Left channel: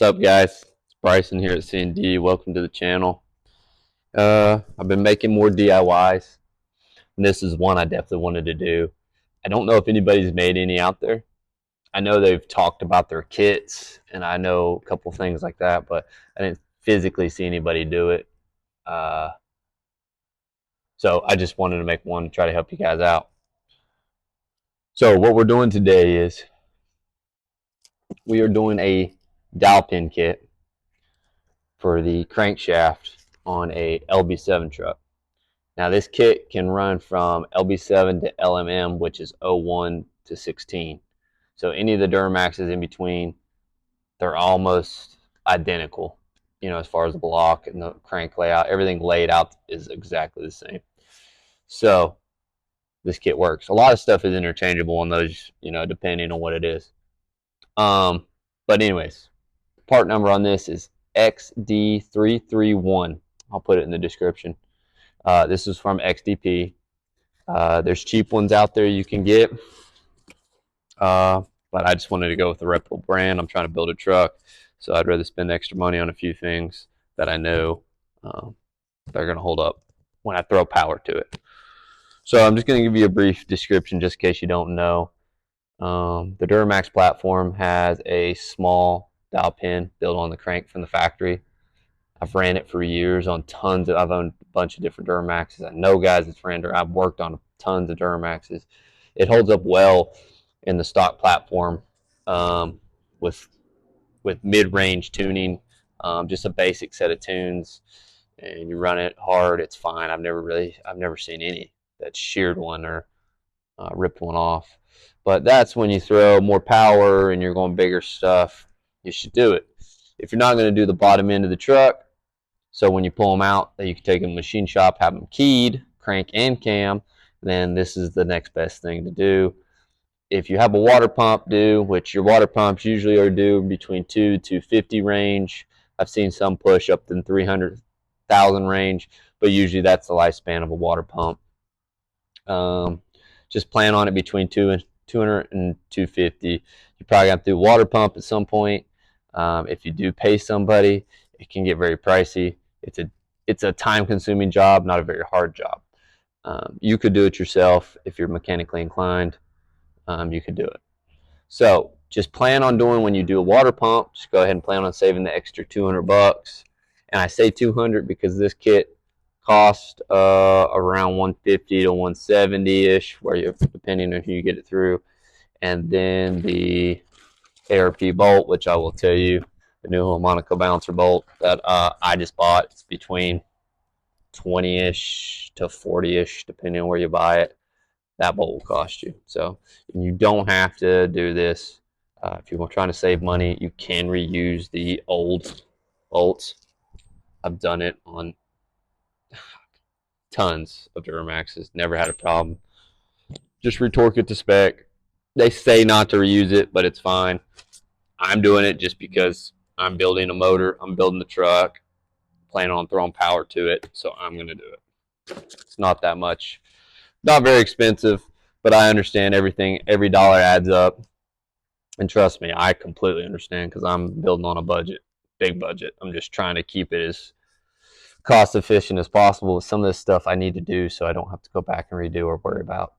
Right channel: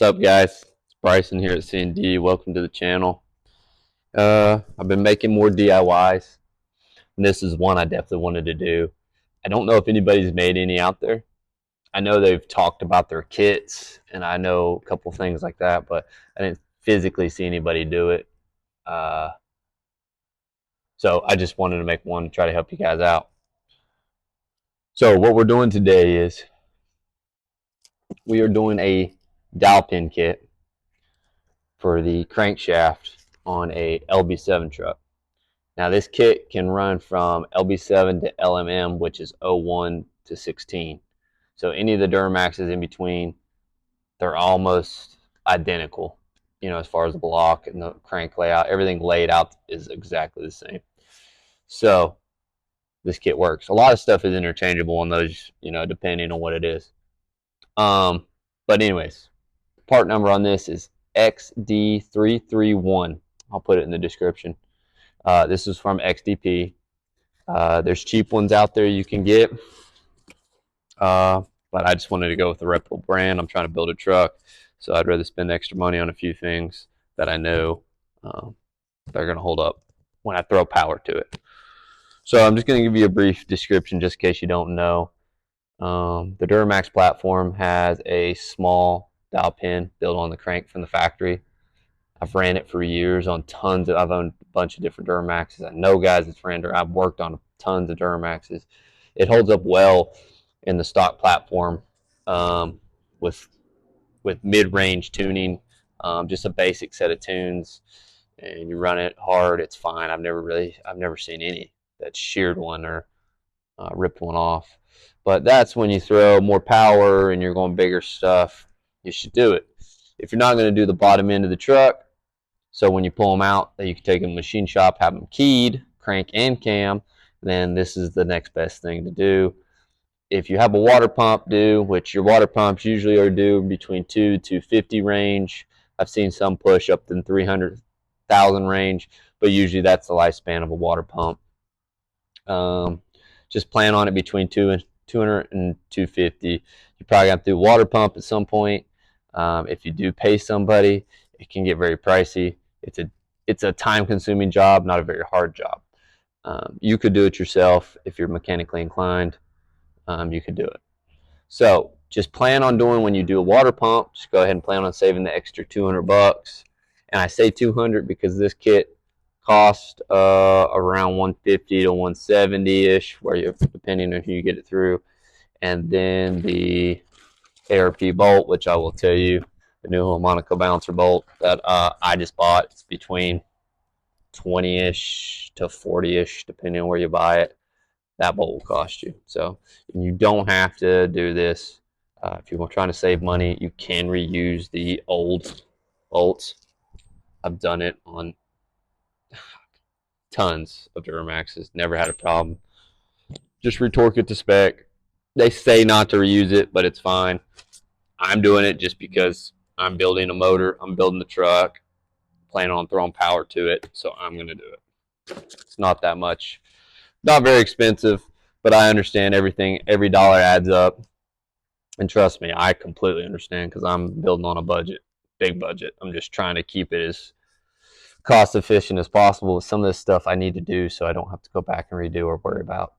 What's up, guys? It's Bryson here at C&D. Welcome to the channel. I've been making more DIYs, and this is one I definitely wanted to do. I don't know if anybody's made any out there. I know they've talked about their kits, and I know a couple things like that, but I didn't physically see anybody do it. Uh, so I just wanted to make one to try to help you guys out. So what we're doing today is we are doing a dowel pin kit for the crankshaft on a LB7 truck. Now this kit can run from LB7 to LMM, which is 01 to 16. So any of the Duramaxes in between, they're almost identical, as far as the block and the crank layout. Everything laid out is exactly the same. So this kit works. A lot of stuff is interchangeable on those, depending on what it is. But anyways, part number on this is XD331. I'll put it in the description. This is from XDP. There's cheap ones out there you can get, but I just wanted to go with a reputable brand. I'm trying to build a truck, so I'd rather spend extra money on a few things that I know they're going to hold up when I throw power to it. So I'm just going to give you a brief description just in case you don't know. The Duramax platform has a small dowel pin built on the crank from the factory. I've ran it for years on I've owned a bunch of different Duramaxes. I know guys that's ran it. I've worked on tons of Duramaxes. It holds up well in the stock platform with mid-range tuning, just a basic set of tunes, and you run it hard, it's fine. I've never seen any that sheared one or ripped one off. But that's when you throw more power and you're going bigger stuff, you should do it. If you're not going to do the bottom end of the truck, so when you pull them out, you can take them to the machine shop, have them keyed, crank and cam, then this is the next best thing to do. If you have a water pump due, which your water pumps usually are due between 2 to 250 range. I've seen some push up to 300,000 range, but usually that's the lifespan of a water pump. Just plan on it between 200 and 250. You probably have to do a water pump at some point. If you do pay somebody, it can get very pricey. It's a time-consuming job, not a very hard job. You could do it yourself if you're mechanically inclined. You could do it. So just plan on doing, when you do a water pump, just go ahead and plan on saving the extra 200 bucks. And I say 200 because this kit cost around 150 to 170-ish, depending on who you get it through. And then the ARP bolt, which I will tell you, the new Harmonica bouncer bolt that I just bought, it's between 20-ish to 40-ish, depending on where you buy it. That bolt will cost you. So you don't have to do this. If you're trying to save money, you can reuse the old bolts. I've done it on tons of Duramaxes. Never had a problem. Just retorque it to spec. They say not to reuse it, but it's fine. I'm doing it just because I'm building a motor. I'm building the truck. Planning on throwing power to it, so I'm going to do it. It's not that much. Not very expensive, but I understand everything. Every dollar adds up. And trust me, I completely understand because I'm building on a budget, big budget. I'm just trying to keep it as cost efficient as possible with some of this stuff I need to do so I don't have to go back and redo or worry about.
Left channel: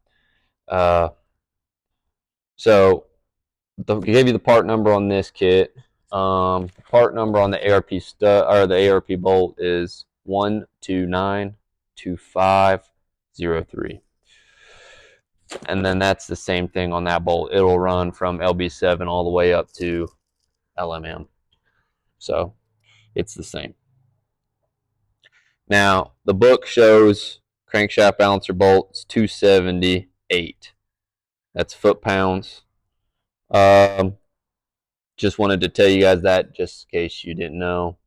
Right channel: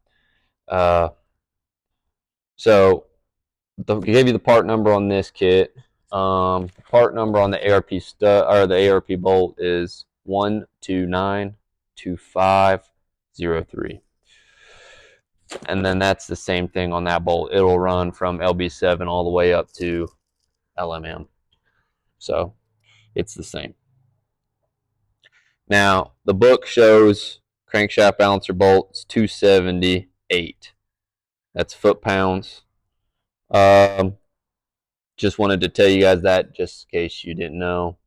So I gave you the part number on this kit. Part number on the ARP the ARP bolt is 129-2503. And then that's the same thing on that bolt. It'll run from LB7 all the way up to LMM. So it's the same. Now, the book shows crankshaft balancer bolts 278. That's foot-pounds. Just wanted to tell you guys that just in case you didn't know.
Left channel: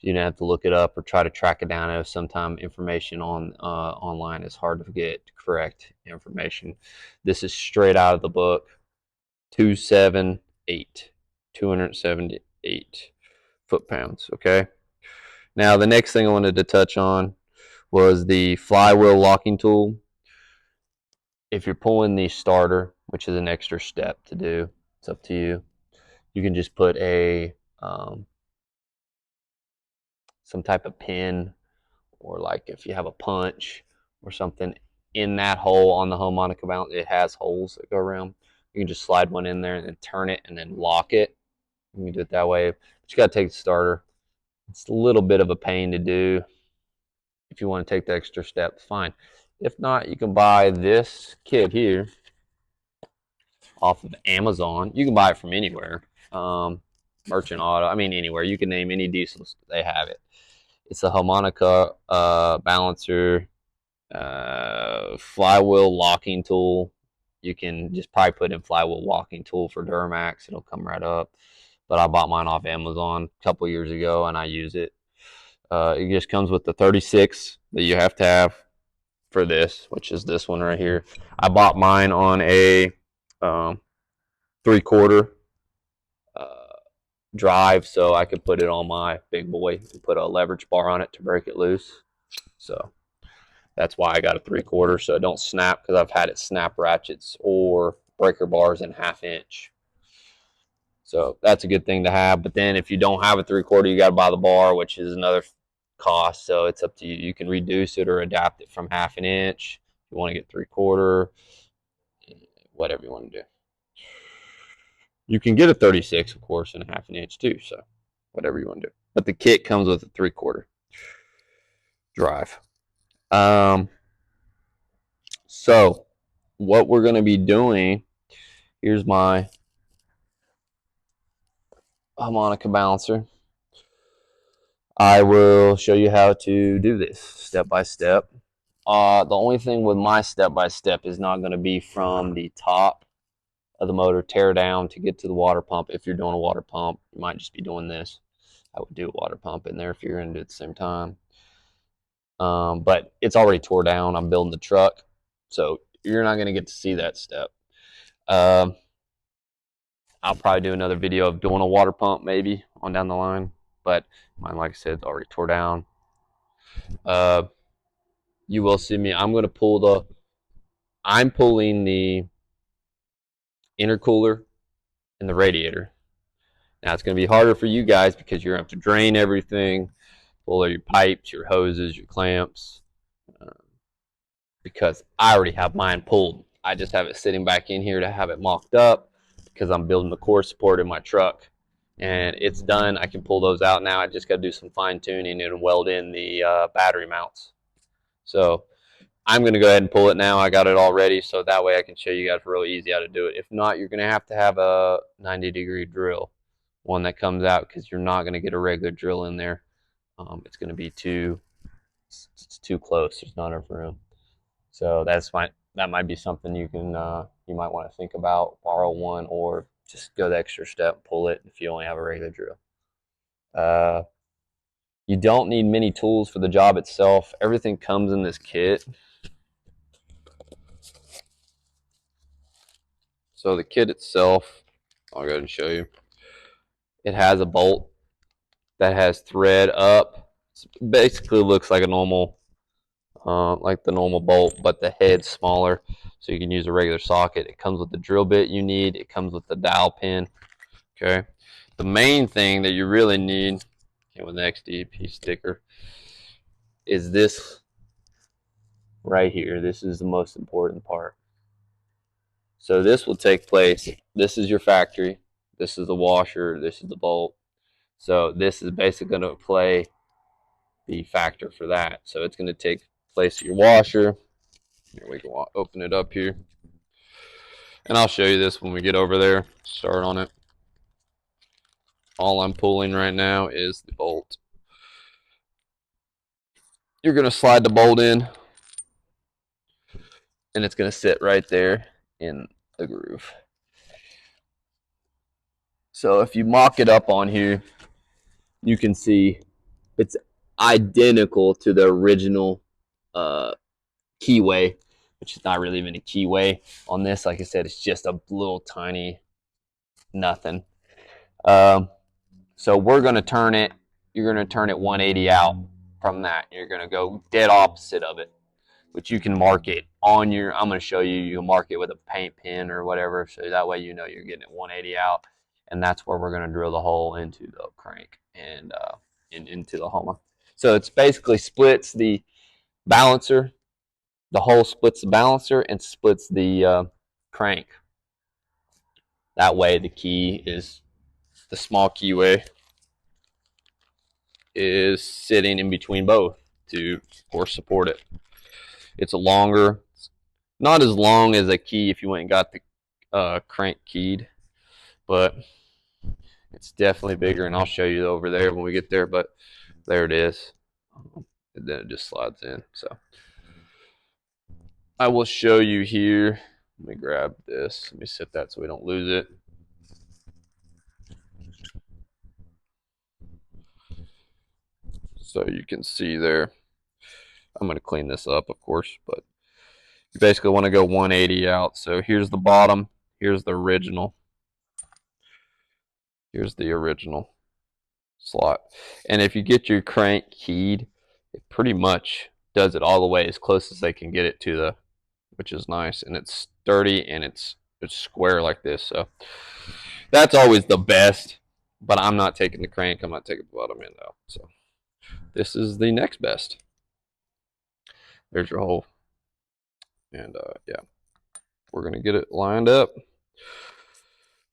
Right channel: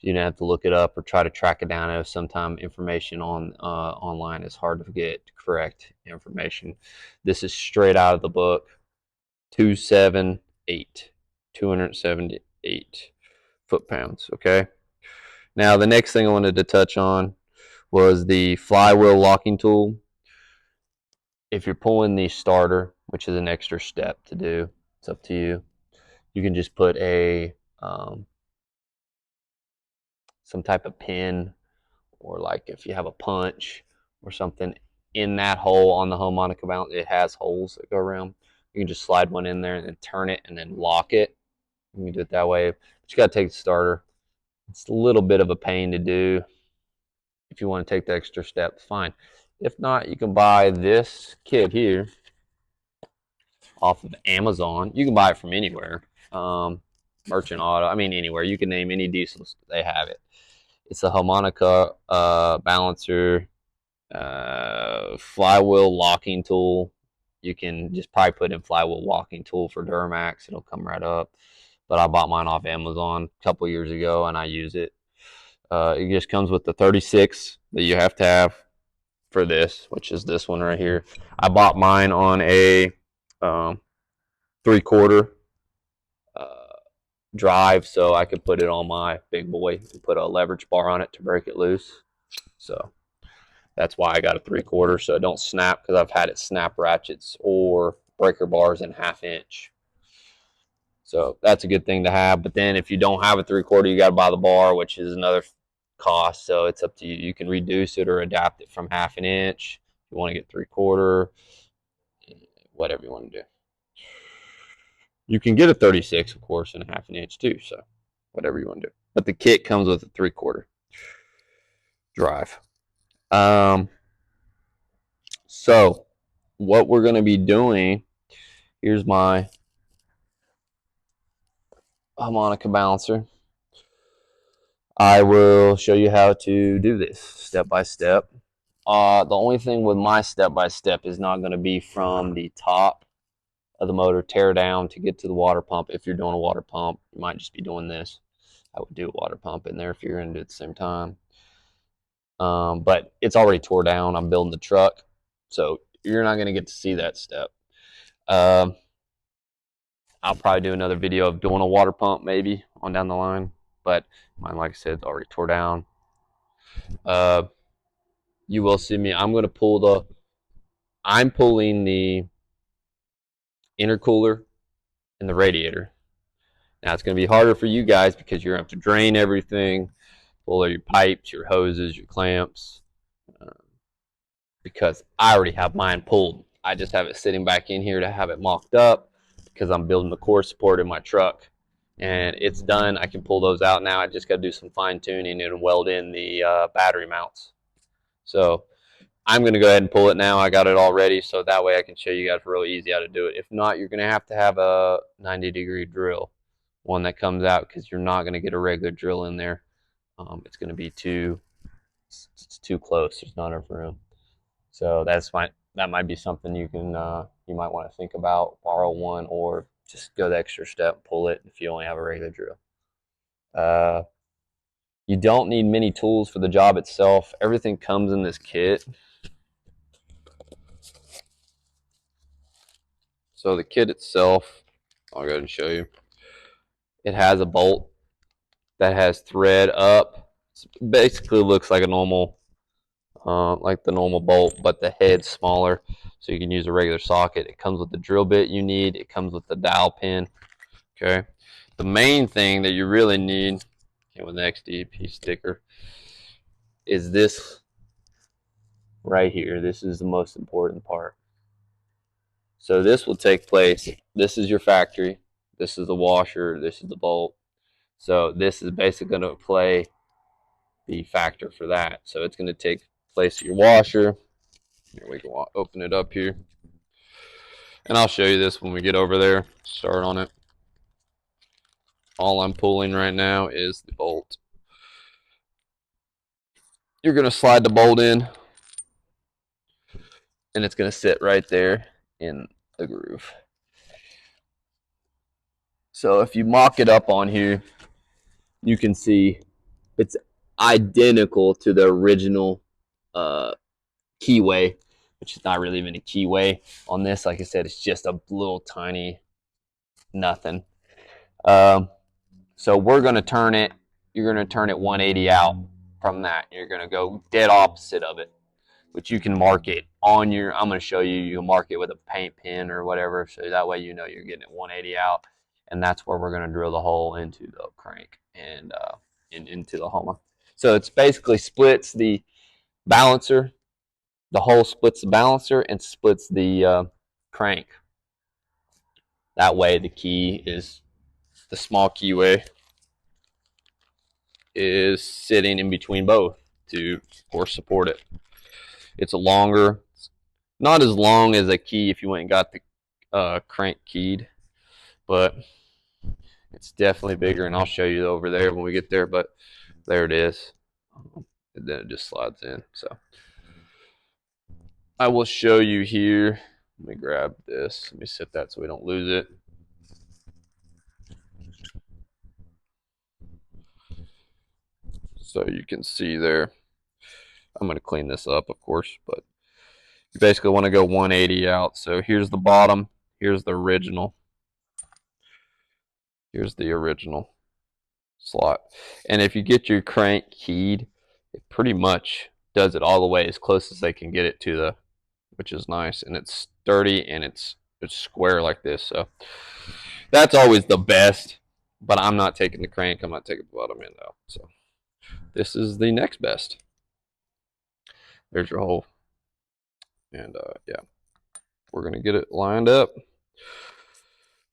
You didn't have to look it up or try to track it down. I know sometimes information on online is hard to get correct information. This is straight out of the book. 278 foot-pounds. Okay. Now the next thing I wanted to touch on was the flywheel locking tool. If you're pulling the starter, which is an extra step to do, it's up to you. You can just put a some type of pin, or like if you have a punch or something in that hole on the harmonica mount, it has holes that go around. You can just slide one in there and then turn it and then lock it. You can do it that way, but you got to take the starter. It's a little bit of a pain to do. If you want to take the extra step, fine. If not, you can buy this kit here off of Amazon. You can buy it from anywhere. Merchant Auto, I mean anywhere. You can name any diesels, they have it. It's a harmonica balancer, flywheel locking tool. You can just probably put in flywheel locking tool for Duramax. It'll come right up. But I bought mine off Amazon a couple years ago, and I use it. It just comes with the 36 that you have to have for this, which is this one right here. I bought mine on a 3/4 drive, so I could put it on my big boy and put a leverage bar on it to break it loose. So that's why I got a 3/4, so it don't snap, because I've had it snap ratchets or breaker bars in 1/2 inch. So that's a good thing to have. But then if you don't have a 3/4, you got to buy the bar, which is another cost. So it's up to you. You can reduce it or adapt it from 1/2 inch. If you want to get 3/4, whatever you want to do. You can get a 36, of course, in a 1/2 inch too. So whatever you want to do. But the kit comes with a 3/4 drive. So what we're going to be doing, here's my harmonica balancer. I will show you how to do this step by step. The only thing with my step by step is not going to be from the top of the motor, tear down to get to the water pump. If you're doing a water pump, you might just be doing this. I would do a water pump in there if you're going to do it at the same time. But it's already tore down. I'm building the truck, so you're not going to get to see that step. I'll probably do another video of doing a water pump maybe on down the line, but mine, like I said, is already tore down. You will see me. I'm pulling the intercooler and the radiator. Now it's going to be harder for you guys because you're going to have to drain everything, pull all your pipes, your hoses, your clamps, because I already have mine pulled. I just have it sitting back in here to have it mocked up because I'm building the core support in my truck, and it's done. I can pull those out now. I just got to do some fine tuning and weld in the battery mounts. So I'm going to go ahead and pull it now. I got it all ready, so that way I can show you guys really easy how to do it. If not, you're going to have a 90-degree drill, one that comes out, because you're not going to get a regular drill in there. It's going to be too close. There's not enough room. So that might be something you might want to think about. Borrow one, or just go the extra step, pull it if you only have a regular drill. You don't need many tools for the job itself. Everything comes in this kit. So the kit itself, I'll go ahead and show you. It has a bolt that has thread up. It basically looks like a normal, like the normal bolt, but the head's smaller, so you can use a regular socket. It comes with the drill bit you need. It comes with the dowel pin. Okay. The main thing that you really need, with an XDP sticker, is this right here. This is the most important part. So this will take place. This is your factory. This is the washer. This is the bolt. So this is basically going to play the factor for that. So it's going to take place of your washer. Here, we can open it up here. And I'll show you this when we get over there. Start on it. All I'm pulling right now is the bolt. You're going to slide the bolt in, and it's going to sit right there in the groove. So if you mock it up on here, you can see it's identical to the original keyway, which is not really even a keyway on this. Like I said, it's just a little tiny nothing. So we're going to turn it, you're going to turn it 180 out from that. You're going to go dead opposite of it, which you can mark it on your, I'm going to show you, you can mark it with a paint pen or whatever, so that way you know you're getting it 180 out, and that's where we're going to drill the hole into the crank and into the Homa. So it's basically splits the balancer. The hole splits the balancer and splits the crank. That way the key is, the small keyway is sitting in between both to, of course, support it. It's a longer, not as long as a key if you went and got the crank keyed, but it's definitely bigger, and I'll show you over there when we get there, but there it is. And then it just slides in. So I will show you here. Let me grab this. Let me set that so we don't lose it. So you can see there. I'm going to clean this up, of course, but you basically want to go 180 out. So here's the bottom. Here's the original. Here's the original slot. And if you get your crank keyed, it pretty much does it all the way as close as they can get it to the, which is nice. And it's sturdy and it's square like this. So that's always the best. But I'm not taking the crank. I'm not taking the bottom end out. So this is the next best. There's your hole. And yeah, we're going to get it lined up.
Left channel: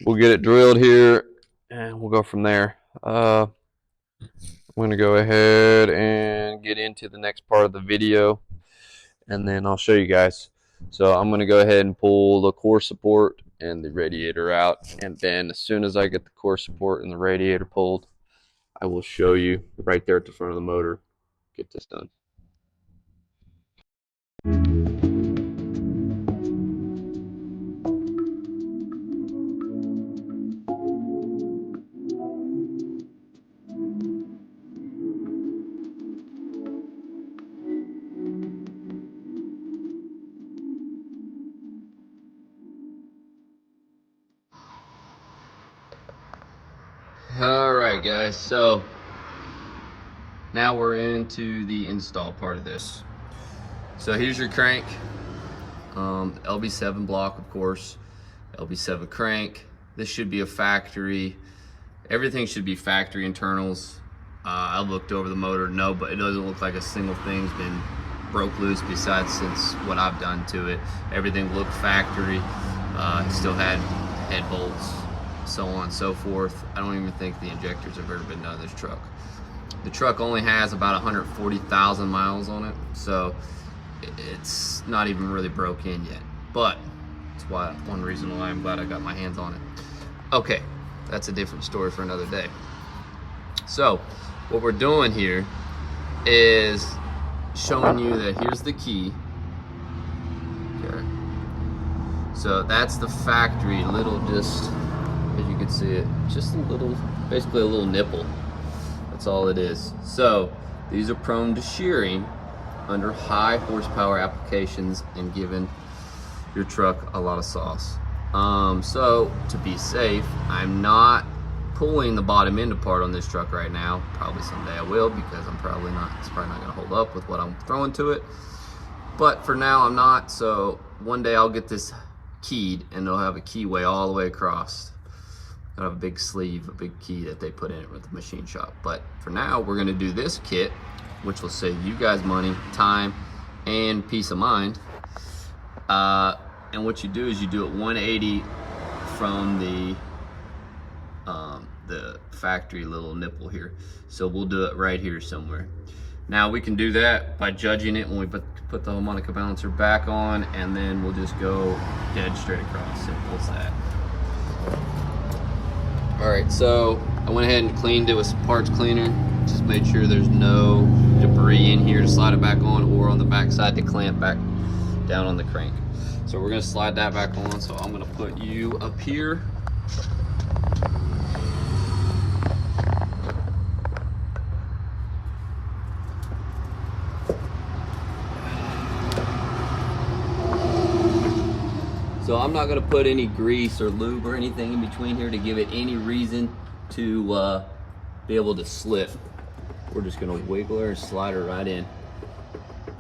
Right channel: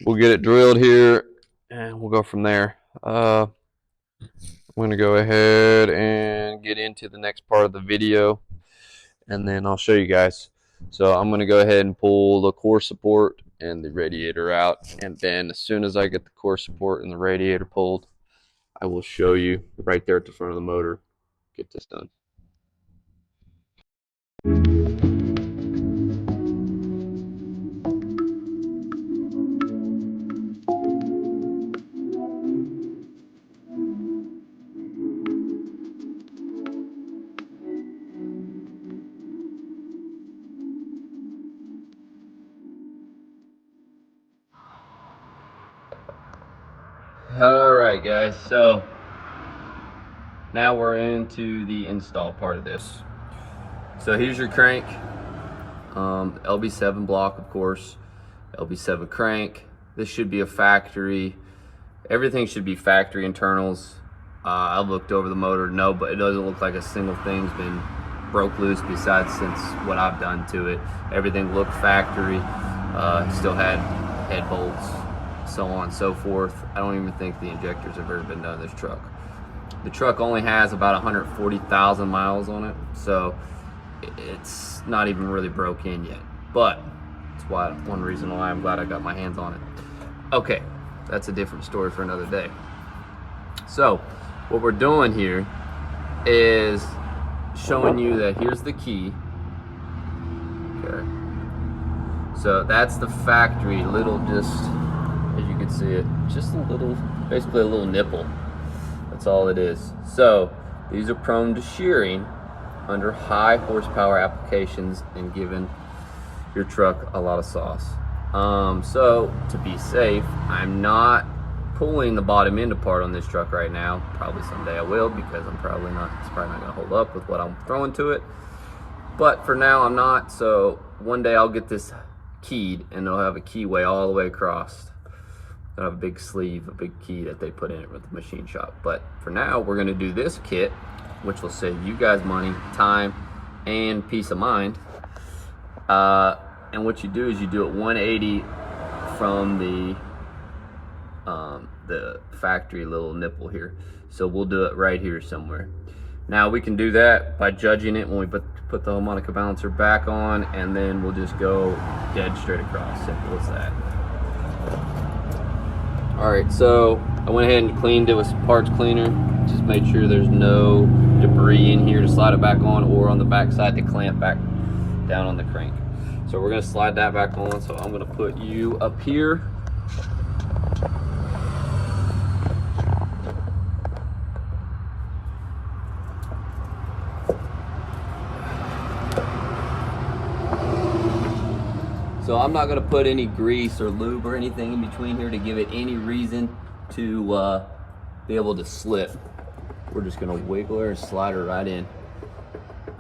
We'll get it drilled here and we'll go from there. I'm going to go ahead and get into the next part of the video and then I'll show you guys. So I'm going to go ahead and pull the core support and the radiator out, and then as soon as I get the core support and the radiator pulled, I will show you right there at the front of the motor, get this done. Alright guys, so now we're into the install part of this. So here's your crank, LB7 block, of course, LB7 crank. This should be a factory, everything should be factory internals. I looked over the motor, no, but it doesn't look like a single thing's been broke loose besides since what I've done to it. Everything looked factory, still had head bolts, so on and so forth. I don't even think the injectors have ever been done in this truck. The truck only has about 140,000 miles on it, so it's not even really broke in yet. But that's why, one reason why I'm glad I got my hands on it. Okay, that's a different story for another day. So what we're doing here is showing you that here's the key. Okay, so that's the factory little, just as you can see it, just a little, basically a little nipple. That's all it is. So these are prone to shearing under high horsepower applications and giving your truck a lot of sauce. So to be safe, I'm not pulling the bottom end apart on this truck right now. Probably someday I will, because it's probably not gonna hold up with what I'm throwing to it. But for now I'm not. So one day I'll get this keyed and they'll have a keyway all the way across. They'll have a big sleeve, a big key that they put in it with the machine shop. But for now we're gonna do this kit, which will save you guys money, time, and peace of mind. And what you do is you do it 180 from the factory little nipple here. So we'll do it right here somewhere. Now we can do that by judging it when we put the harmonica balancer back on, and then we'll just go dead straight across. Simple as that. All right, so I went ahead and cleaned it with some parts cleaner. Just made sure there's no debris in here to slide it back on, or on the back side to clamp back down on the crank. So we're gonna slide that back on. So I'm gonna put you up here. So I'm not gonna put any grease or lube or anything in between here to give it any reason to be able to slip. We're just gonna wiggle her and slide her right in.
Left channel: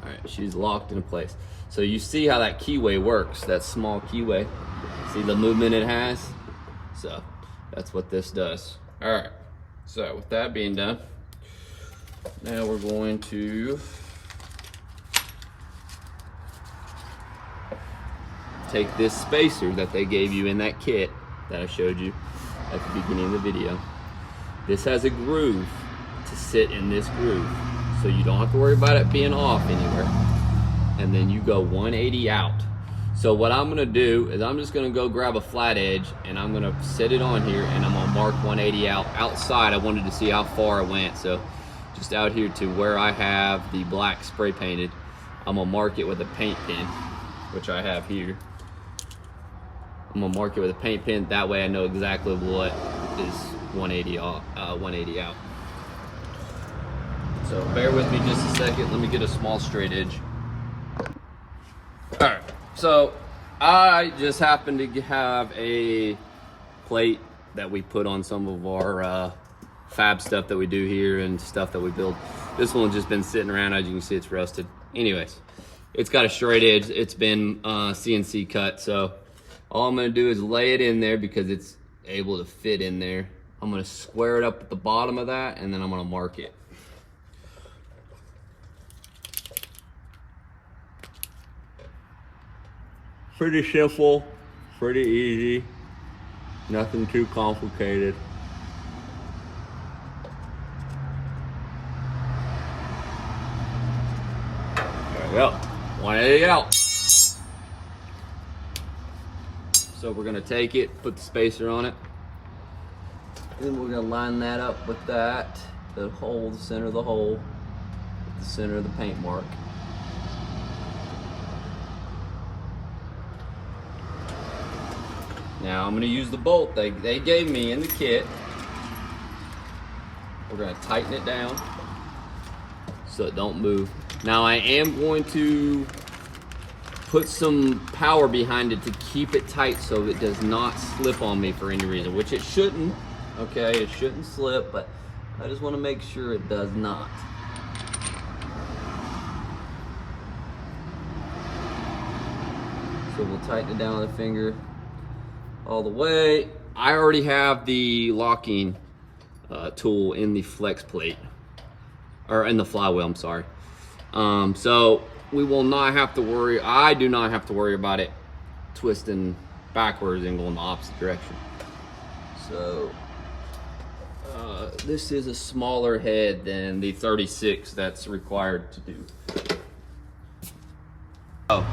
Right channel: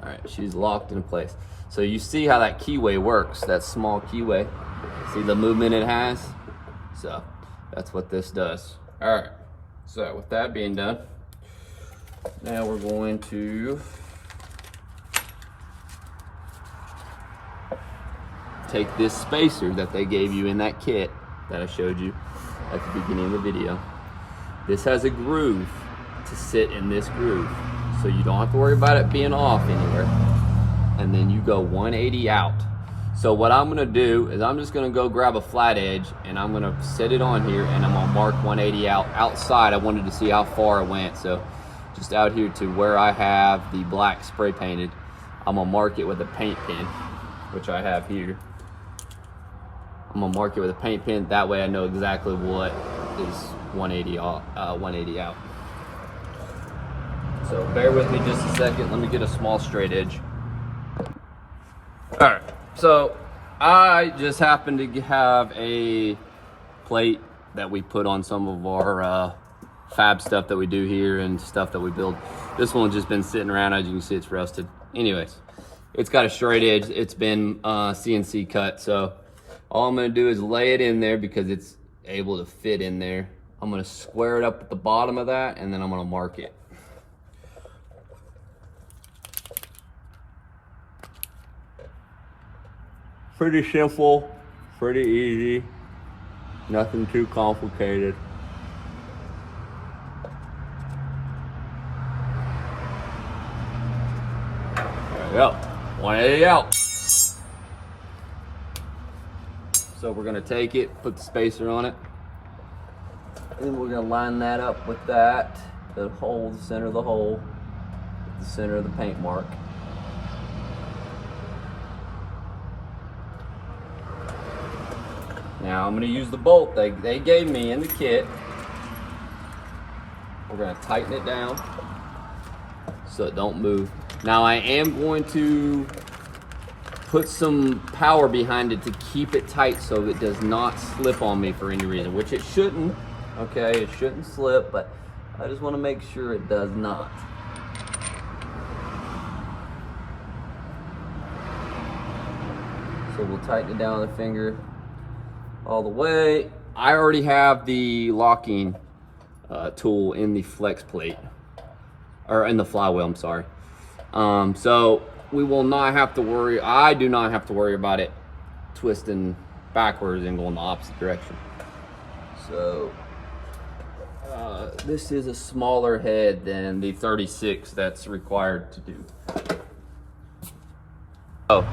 All right, she's locked in place. So you see how that keyway works, that small keyway. See the movement it has? So that's what this does. All right, so with that being done, Now we're going to take this spacer that they gave you in that kit that I showed you at the beginning of the video. This has a groove to sit in this groove, so you don't have to worry about it being off anywhere. And then you go 180 out. So what I'm gonna do is I'm just gonna go grab a flat edge and I'm gonna set it on here and I'm gonna mark 180 out. Outside, I wanted to see how far it went. So just out here to where I have the black spray painted, I'm gonna mark it with a paint pen, which I have here. I'm gonna mark it with a paint pen. That way I know exactly what is 180 out. So bear with me just a second. Let me get a small straight edge. All right, so I just happen to have a plate that we put on some of our fab stuff that we do here and stuff that we build. This one's just been sitting around. As you can see, it's rusted. Anyways, it's got a straight edge. It's been CNC cut. So all I'm gonna do is lay it in there because it's able to fit in there. I'm gonna square it up at the bottom of that and then I'm gonna mark it. Pretty simple, pretty easy, nothing too complicated. There we go, 180 out. So we're gonna take it, put the spacer on it, and we're gonna line that up with that, the hole, the center of the hole, the center of the paint mark. Now I'm gonna use the bolt they gave me in the kit. We're gonna tighten it down so it don't move. Now I am going to put some power behind it to keep it tight so it does not slip on me for any reason, which it shouldn't, okay? It shouldn't slip, but I just wanna make sure it does not. So we'll tighten it down with the finger all the way. I already have the locking tool in the flex plate, or in the flywheel, I'm sorry. So we will not have to worry, I do not have to worry about it twisting backwards and going the opposite direction. So this is a smaller head than the 36 that's required to do. Oh,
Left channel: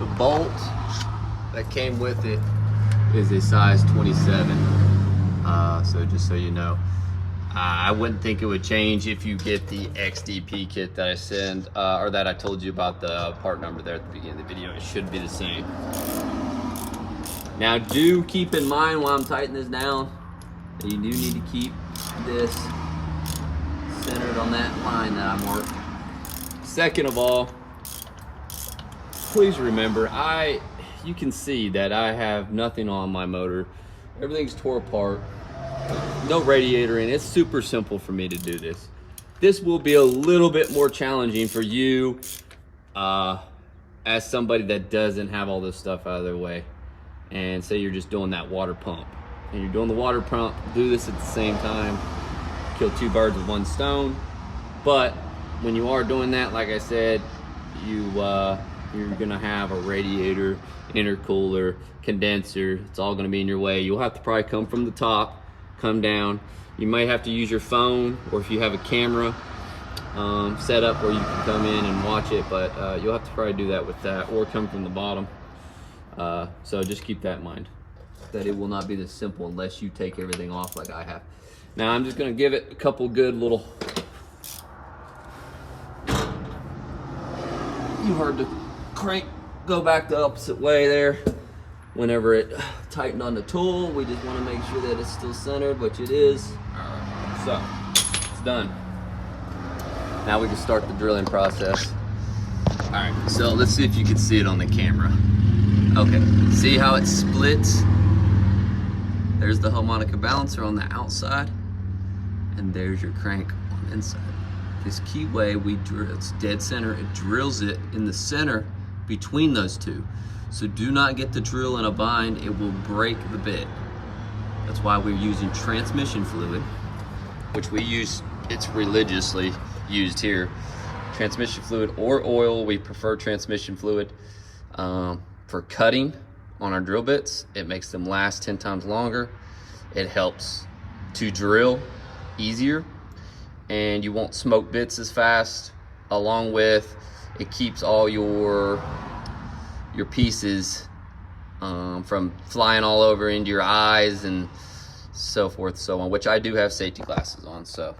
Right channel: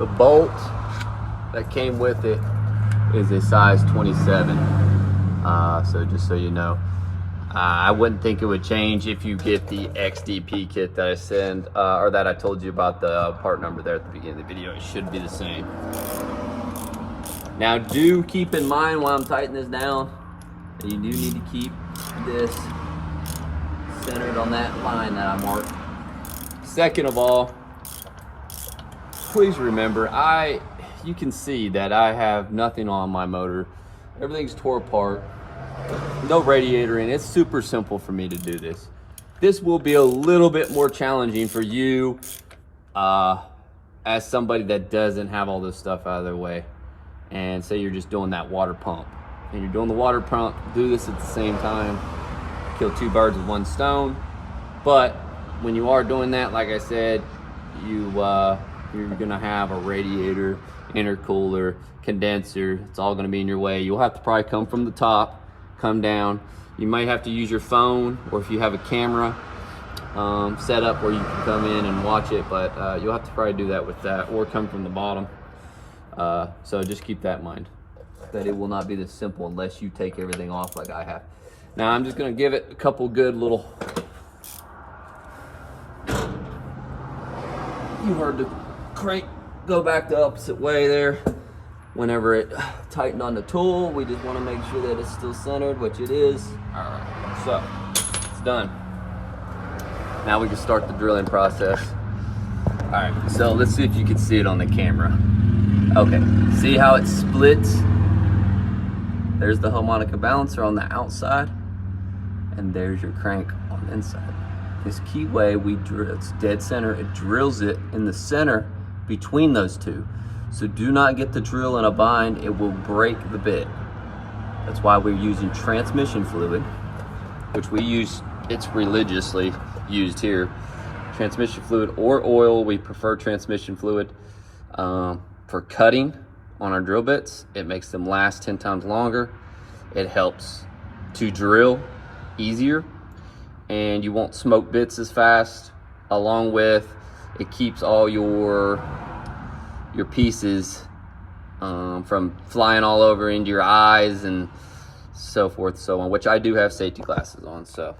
the bolt that came with it is a size 27. So just so you know, I wouldn't think it would change if you get the XDP kit that I send, or that I told you about the part number there at the beginning of the video. It should be the same. Now do keep in mind while I'm tightening this down, that you do need to keep this centered on that line that I marked. Second of all, please remember, you can see that I have nothing on my motor. Everything's tore apart. No radiator in. It's super simple for me to do this. This will be a little bit more challenging for you as somebody that doesn't have all this stuff out of their way. And say you're just doing that water pump. And you're doing the water pump, do this at the same time. Kill two birds with one stone. But when you are doing that, like I said, you're gonna have a radiator, intercooler, condenser. It's all gonna be in your way. You'll have to probably come from the top, come down. You might have to use your phone, or if you have a camera set up where you can come in and watch it, but you'll have to probably do that with that, or come from the bottom. So just keep that in mind, that it will not be this simple unless you take everything off like I have. Now I'm just gonna give it a couple good little, you heard the crank go back the opposite way there. Whenever it tightened on the tool, we just want to make sure that it's still centered, which it is. All right, so it's done. Now we can start the drilling process. All right, so let's see if you can see it on the camera. Okay, see how it splits? There's the harmonica balancer on the outside, and there's your crank on the inside. This keyway, it's dead center. It drills it in the center between those two. So do not get the drill in a bind, it will break the bit. That's why we're using transmission fluid, which we use it's religiously used here. Transmission fluid or oil, we prefer transmission fluid. For cutting on our drill bits, it makes them last 10 times longer. It helps to drill easier, and you won't smoke bits as fast. Along with, it keeps all your pieces from flying all over into your eyes and so forth, so on, which I do have safety glasses on, so,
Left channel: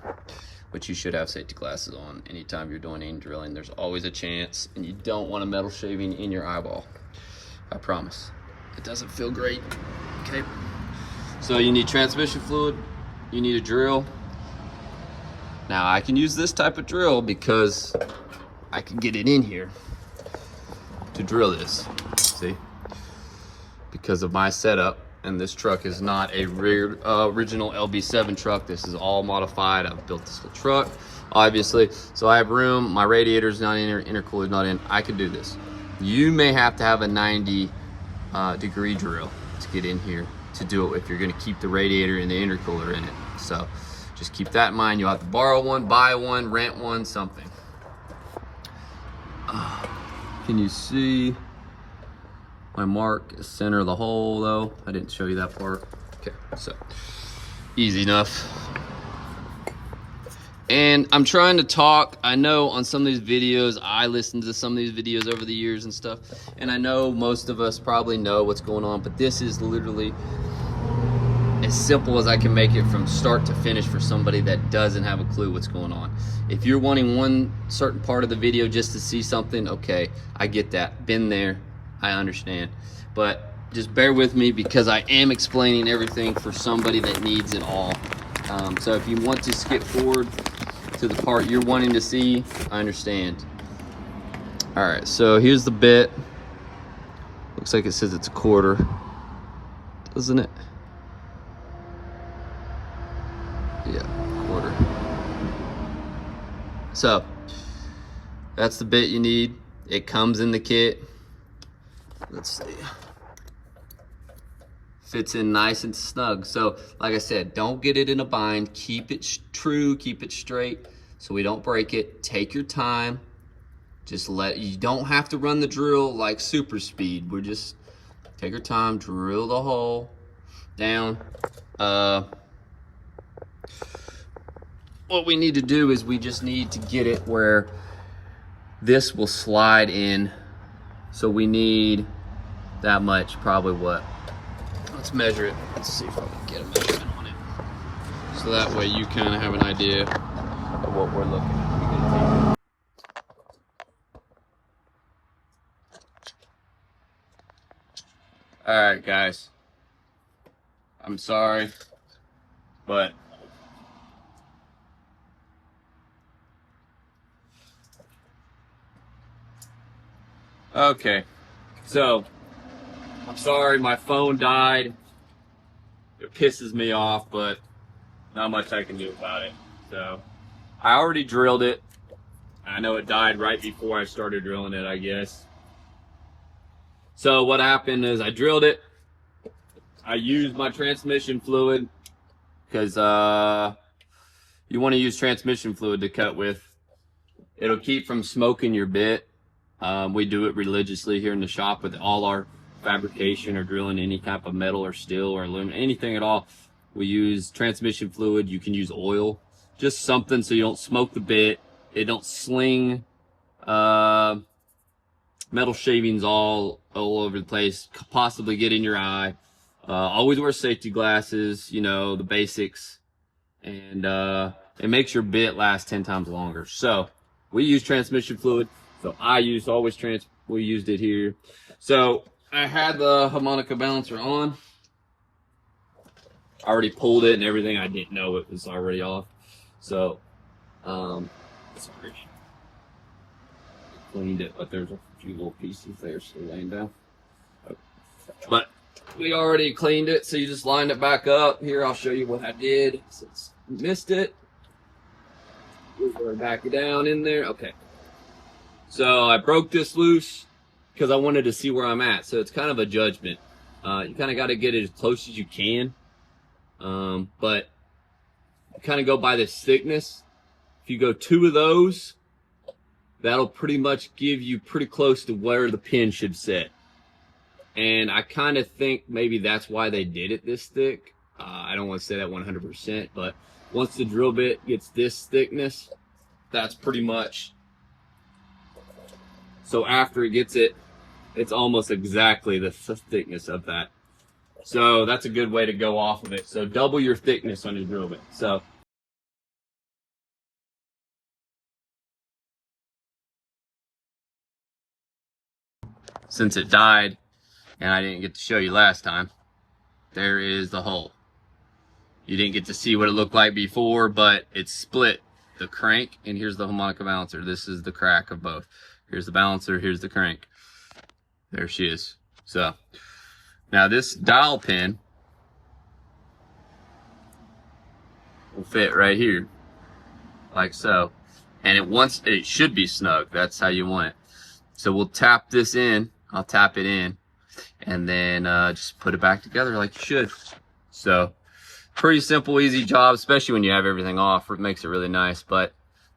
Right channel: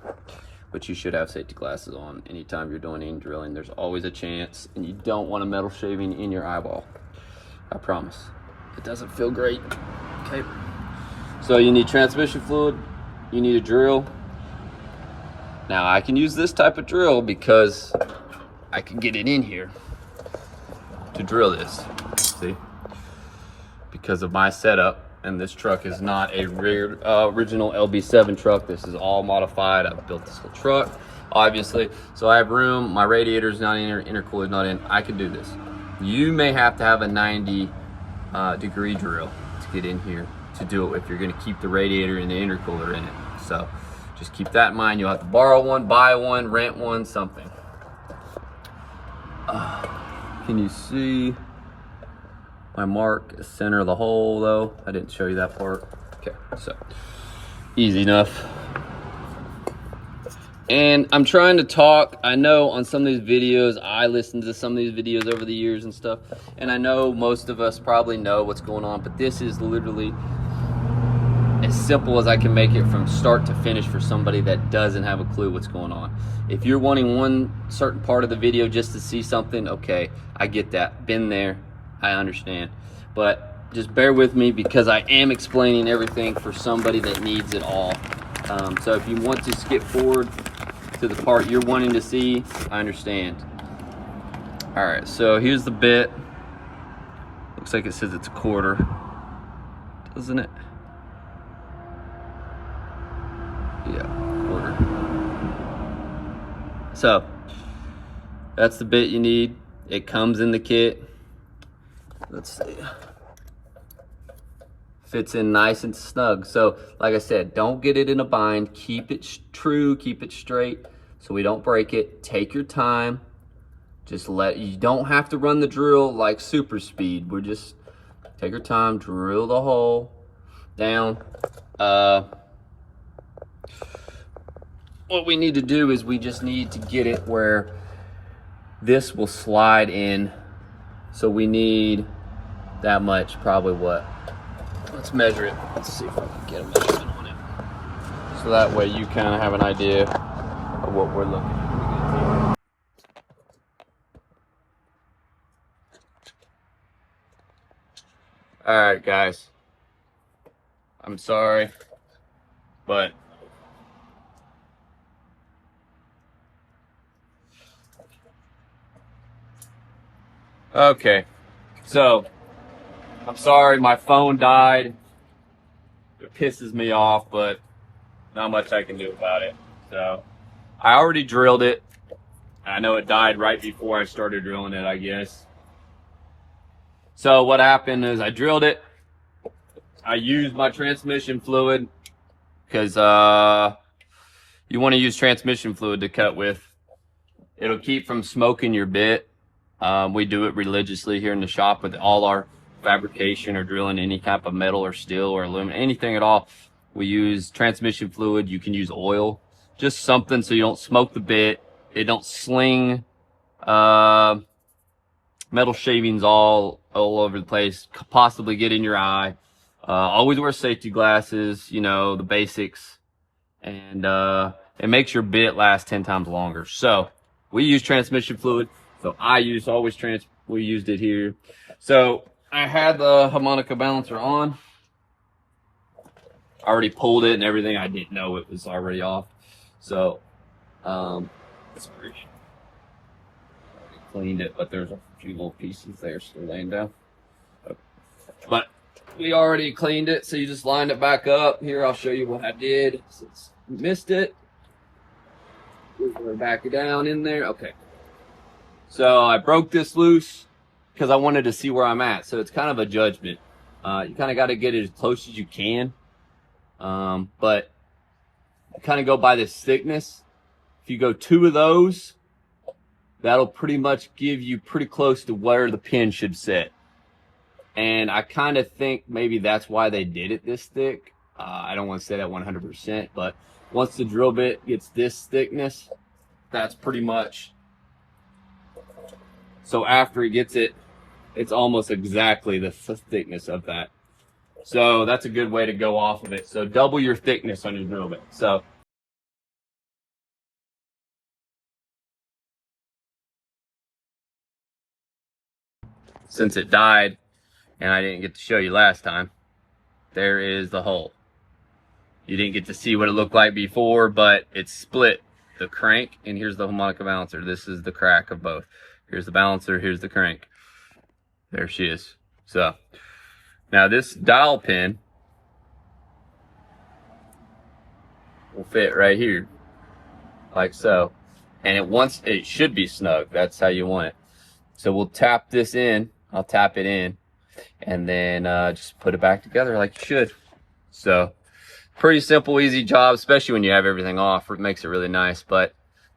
which you should have safety glasses on anytime you're doing any drilling. There's always a chance, and you don't want a metal shaving in your eyeball. I promise. It doesn't feel great. Okay. So you need transmission fluid, you need a drill. Now I can use this type of drill because I can get it in here to drill this, see? Because of my setup, and this truck is not a original LB7 truck. This is all modified. I've built this whole truck, obviously. So I have room, my radiator's not in here, intercooler's not in. I can do this. You may have to have a 90 degree drill to get in here to do it if you're gonna keep the radiator and the intercooler in it. So just keep that in mind. You'll have to borrow one, buy one, rent one, something. Can you see my mark is center of the hole though? I didn't show you that part. Okay, so easy enough. And I'm trying to talk, I know on some of these videos, I listened to some of these videos over the years and stuff, and I know most of us probably know what's going on, but this is literally as simple as I can make it from start to finish for somebody that doesn't have a clue what's going on. If you're wanting one certain part of the video just to see something, okay, I get that, been there, I understand. But just bear with me because I am explaining everything for somebody that needs it all. So if you want to skip forward to the part you're wanting to see, I understand. All right, so here's the bit. Looks like it says it's a quarter, doesn't it? Yeah, quarter. So that's the bit you need. It comes in the kit. Let's see. Fits in nice and snug. So like I said, don't get it in a bind. Keep it true, keep it straight so we don't break it. Take your time. Just you don't have to run the drill like super speed. We're just take your time, drill the hole down. What we need to do is we just need to get it where this will slide in. So we need that much, probably what? Let's measure it. Let's see if I can get a measurement on it. So that way you kind of have an idea of what we're looking at. All right, guys. I'm sorry, but okay. So I'm sorry, my phone died. It pisses me off, but not much I can do about it. So I already drilled it. I know it died right before I started drilling it, I guess. So what happened is I drilled it. I used my transmission fluid because you want to use transmission fluid to cut with. It'll keep from smoking your bit. We do it religiously here in the shop with all our fabrication or drilling any type of metal or steel or aluminum, anything at all. We use transmission fluid. You can use oil, just something so you don't smoke the bit. It don't sling metal shavings all over the place, possibly get in your eye. Always wear safety glasses, you know, the basics, and it makes your bit last 10 times longer. So we use transmission fluid. So we used it here. So I had the harmonica balancer on. I already pulled it and everything. I didn't know it was already off. So, cleaned it, but there's a few little pieces there still laying down. But we already cleaned it, so you just lined it back up. Here, I'll show you what I did since you missed it. We're back down in there. Okay. So I broke this loose because I wanted to see where I'm at. So it's kind of a judgment. You kind of got to get it as close as you can. But you kind of go by this thickness. If you go 2 of those, that'll pretty much give you pretty close to where the pin should sit. And I kind of think maybe that's why they did it this thick. I don't want to say that 100%, but once the drill bit gets this thickness, that's pretty much. So after it gets it, it's almost exactly the thickness of that. So that's a good way to go off of it. So double your thickness on your drill bit. So since it died and I didn't get to show you last time, there is the hole. You didn't get to see what it looked like before, but it's split the crank, and here's the harmonica balancer. This is the crack of both. Here's the balancer, here's the crank. There she is. So now this dowel pin will fit right here, like so. And it should be snug. That's how you want it. So we'll tap this in. I'll tap it in, and then just put it back together like you should. So pretty simple, easy job, especially when you have everything off. It makes it really nice. But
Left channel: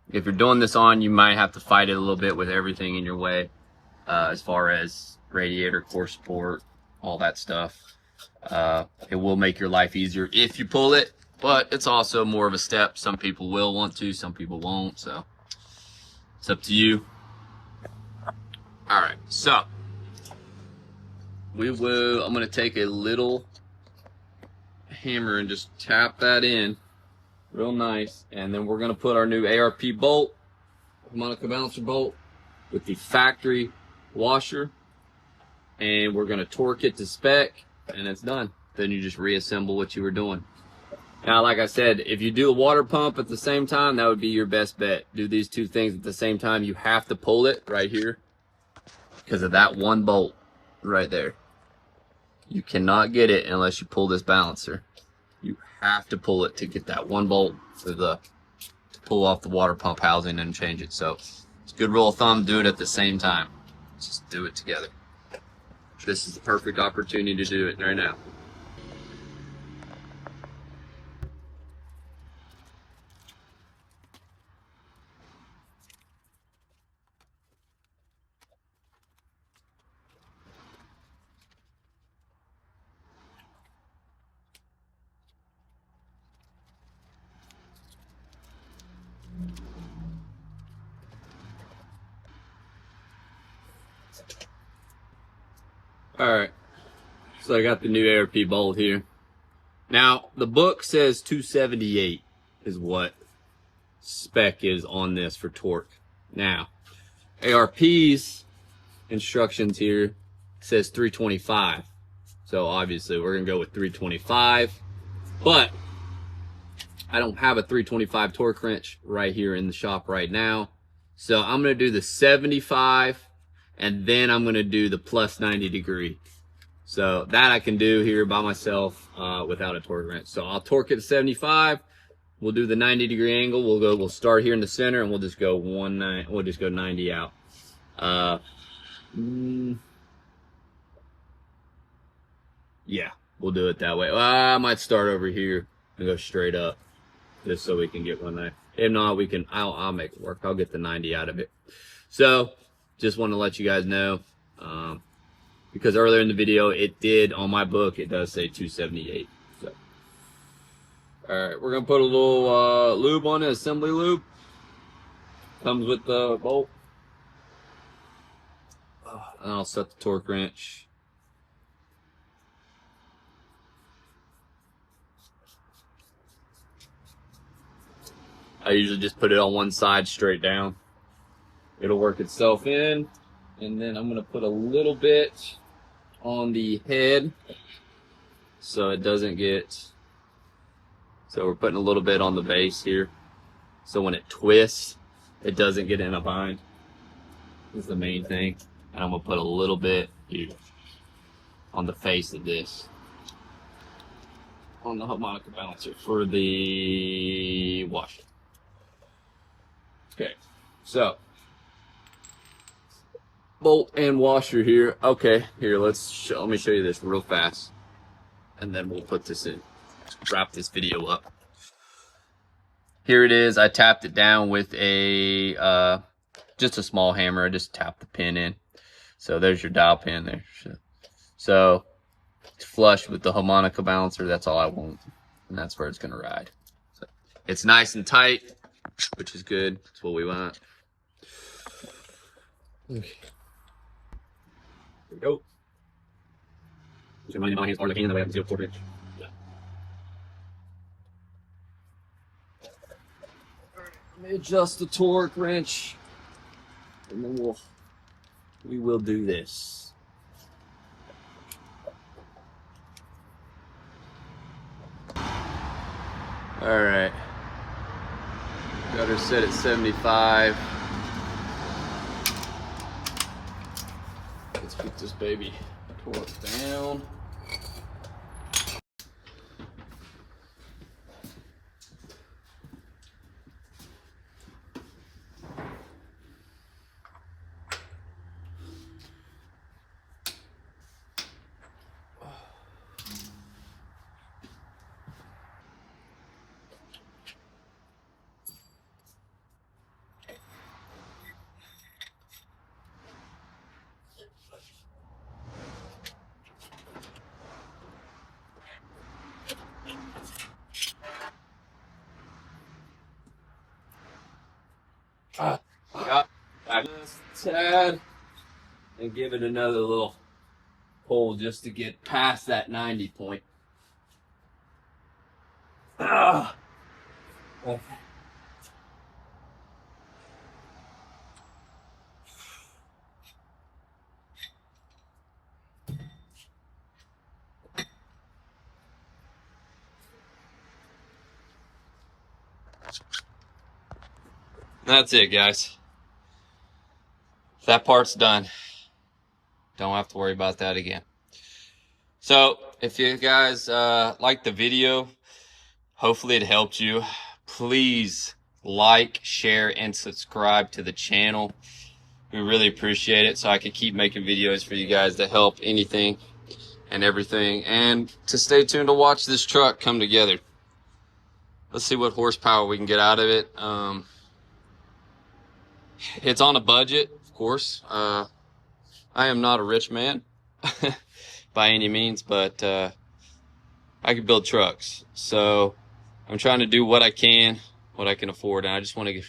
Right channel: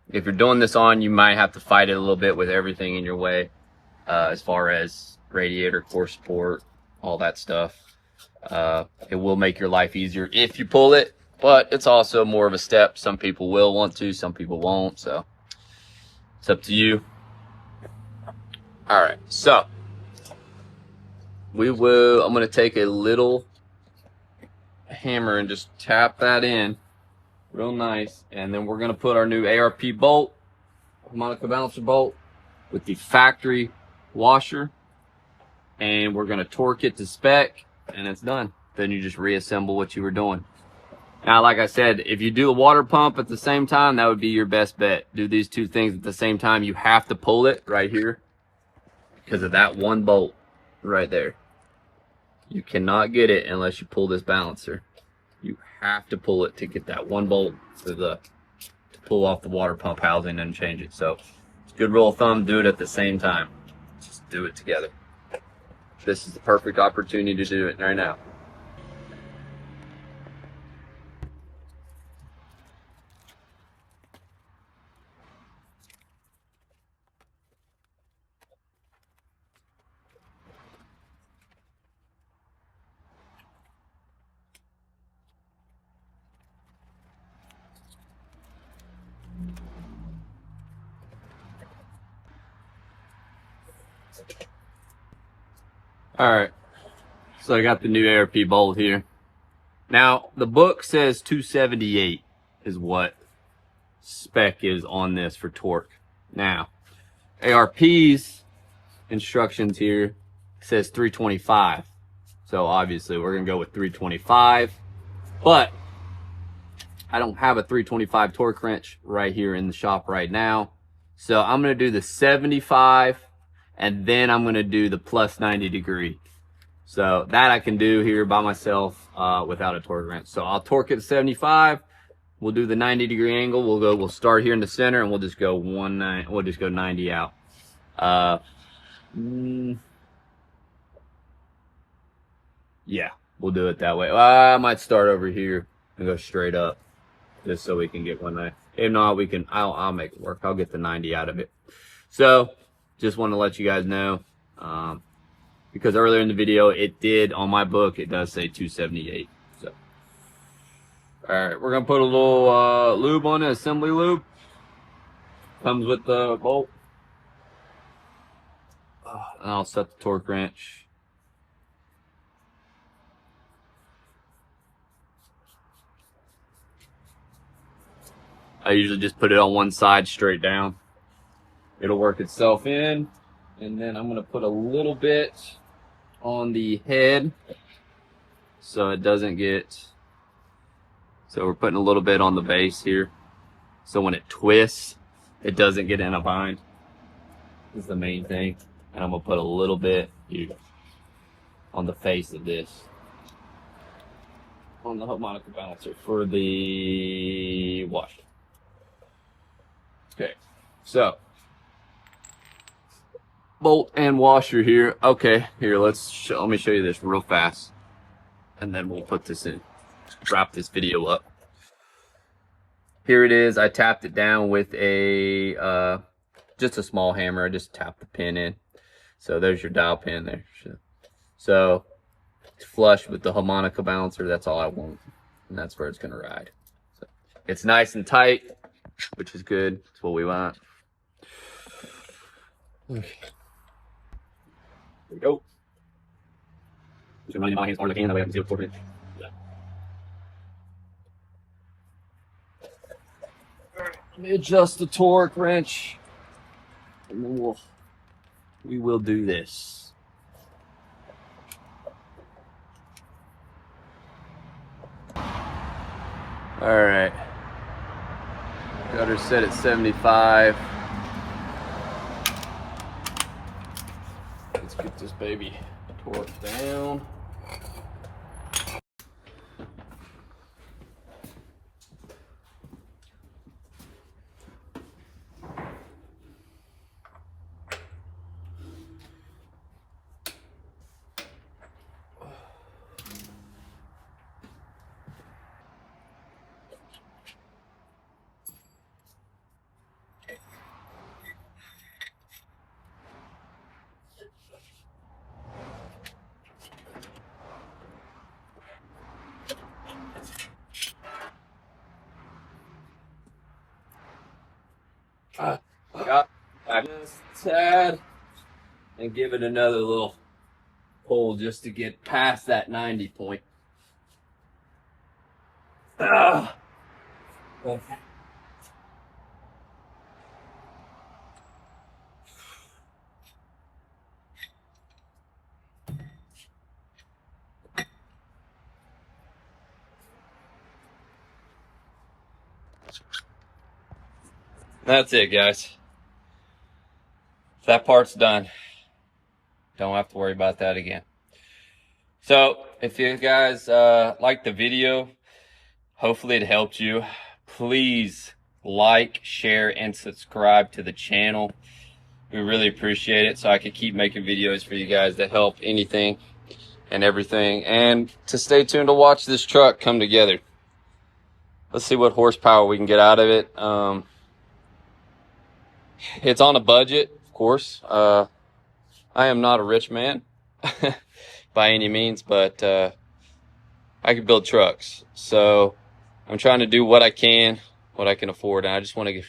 if you're doing this on, you might have to fight it a little bit with everything in your way, as far as radiator, core support, all that stuff. It will make your life easier if you pull it, but it's also more of a step. Some people will want to, some people won't, so it's up to you. All right, so I'm gonna take a little hammer and just tap that in real nice, and then we're gonna put our new ARP bolt, harmonica balancer bolt, with the factory washer, and we're gonna torque it to spec, and it's done. Then you just reassemble what you were doing. Now, like I said, if you do a water pump at the same time, that would be your best bet. Do these 2 things at the same time. You have to pull it right here because of that one bolt right there. You cannot get it unless you pull this balancer. You have to pull it to get that one bolt to pull off the water pump housing and change it. So it's a good rule of thumb, do it at the same time. Just do it together. This is the perfect opportunity to do it right now. Alright, so I got the new ARP bolt here. Now, the book says 278 is what spec is on this for torque. Now, ARP's instructions here says 325. So obviously we're gonna go with 325, but I don't have a 325 torque wrench right here in the shop right now. So I'm gonna do the 75, and then I'm gonna do the plus 90 degree. So that I can do here by myself without a torque wrench. So I'll torque it to 75. We'll do the 90 degree angle. We'll start here in the center, and we'll just go 90 out. Yeah, we'll do it that way. I might start over here and go straight up, just so we can get 190. If not, I'll make it work. I'll get the 90 out of it. So just want to let you guys know, because earlier in the video on my book it does say 278. So all right, we're gonna put a little lube on it, assembly lube. Comes with the bolt. And I'll set the torque wrench. I usually just put it on one side straight down. It'll work itself in. And then I'm gonna put a little bit on the head so it doesn't get, so we're putting a little bit on the base here. So when it twists, it doesn't get in a bind. That's the main thing. And I'm gonna put a little bit here on the face of this, on the harmonica balancer for the washer. Okay, so bolt and washer here. Okay, here, let me show you this real fast, and then we'll put this in. Wrap this video up. here it is. I tapped it down with a just a small hammer. I just tapped the pin in. So there's your dial pin there. So it's flush with the harmonica balancer. That's all I want, and that's where it's gonna ride. So it's nice and tight, which is good. That's what we want. There we go. Just remind my hands are like that way I can see a 4 inch. Yeah. Let me adjust the torque wrench, and then we will do this. All right. Got her set at 75. Let's put this baby torque down. Got this tad and give it another little pull just to get past that 90 point. Okay. That's it, guys. That part's done. Don't have to worry about that again. So if you guys liked the video, hopefully it helped you. Please like, share, and subscribe to the channel. We really appreciate it, so I can keep making videos for you guys to help anything and everything, and to stay tuned to watch this truck come together. Let's see what horsepower we can get out of it. It's on a budget, of course. I am not a rich man by any means, but I can build trucks. So I'm trying to do what I can afford, and I just want to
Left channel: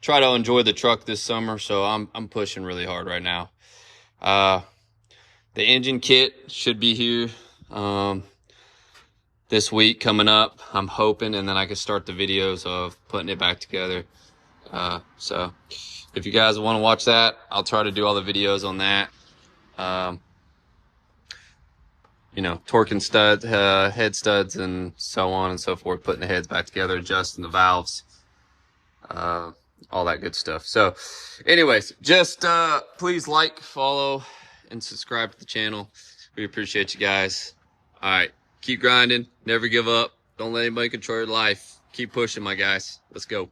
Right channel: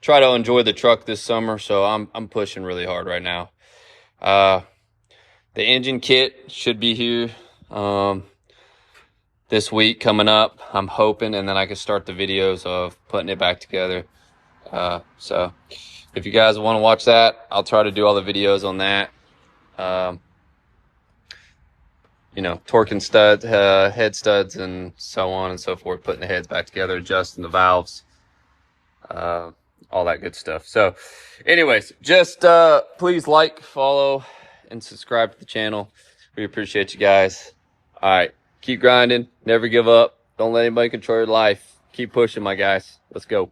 try to enjoy the truck this summer. So I'm pushing really hard right now. The engine kit should be here this week coming up, I'm hoping, and then I can start the videos of putting it back together. So if you guys want to watch that, I'll try to do all the videos on that. You know, torquing studs, head studs, and so on and so forth, putting the heads back together, adjusting the valves, all that good stuff. So anyways, just please like, follow, and subscribe to the channel. We appreciate you guys. All right, keep grinding, never give up, don't let anybody control your life. Keep pushing, my guys. Let's go.